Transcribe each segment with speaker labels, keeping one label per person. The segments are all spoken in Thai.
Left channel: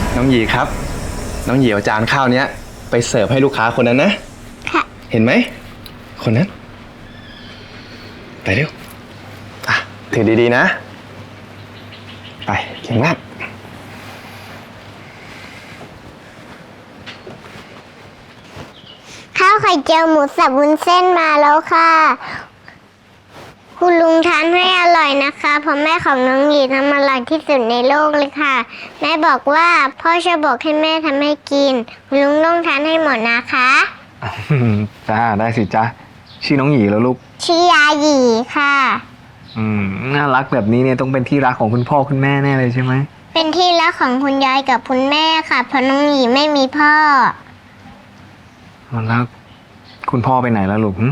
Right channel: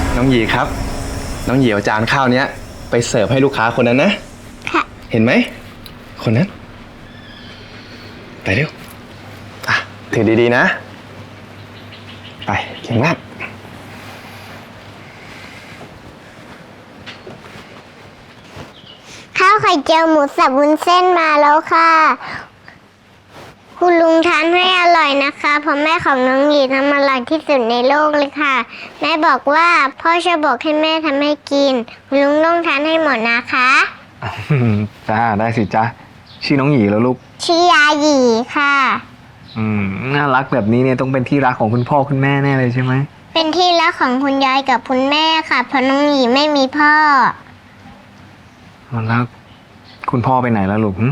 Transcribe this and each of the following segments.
Speaker 1: น้องหยีครับน้องหยีเอาจานข้าวเนี้ยไปเสิร์ฟให้ลูกค้าคนนั้นนะค่ะเห็นไหมคนนั้นไปเร็วถือดีๆนะไปเก่งมาก
Speaker 2: ข้าวไข่เจียวหมูสับวุ้นเส้นมาแล้วค่ะคุณลุงทานให้อร่อยนะคะเพราะแม่ของน้องหยีทำอร่อยที่สุดในโลกเลยค่ะแม่บอกว่าพ่อจะบอกให้แม่ทำให้กินคุณลุงต้องทานให้หมดนะคะ
Speaker 3: จ้าได้สิจ้าชื่อน้องหยีแล้วลูก
Speaker 2: ชื่อยาหยีค่ะ
Speaker 3: น่ารักแบบนี้เนี่ยต้องเป็นที่รักของคุณพ่อคุณแม่แน่เลยใช่ไหม
Speaker 2: เป็นที่รักของคุณยายกับคุณแม่ค่ะเพราะน้องหยีไม่มีพ่อ
Speaker 3: แล้วคุณพ่อไปไหนแล้วลูก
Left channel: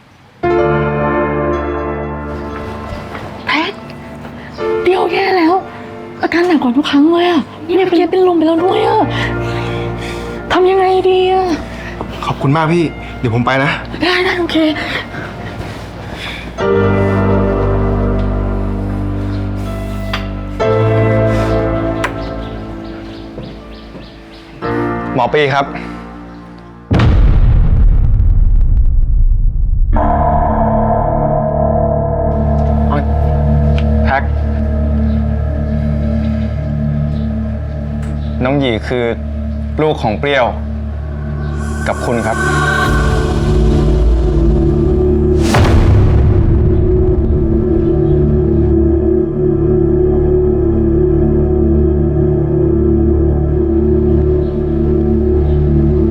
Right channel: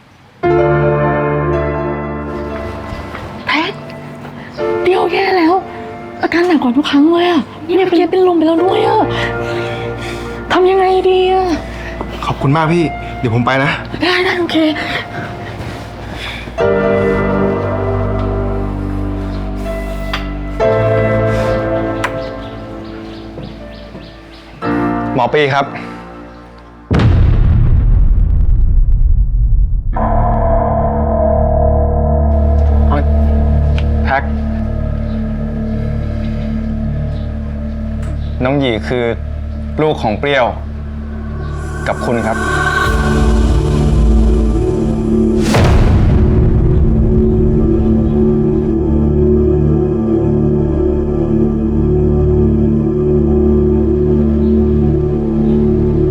Speaker 4: แพ็คเดียวแย่แล้วอาการหนักกว่าทุกครั้งเลยอ่ะเนี่ยเมื่อกี้เป็นลมไปแล้วด้วยอ่ะทำยังไงดีอ่ะ
Speaker 1: ขอบคุณมากพี่เดี๋ยวผมไปนะ
Speaker 4: ได้โอเค
Speaker 1: หมอปีครับแพ็คน้องหยีคือลูกของเปรี้ยวกับคุณครับ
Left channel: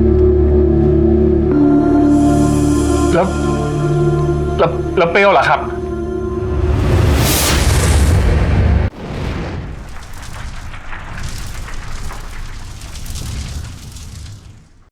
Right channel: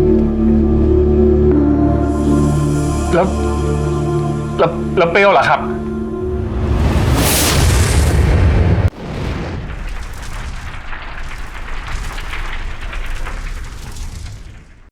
Speaker 1: แล้วเปรี้ยวเหรอครับ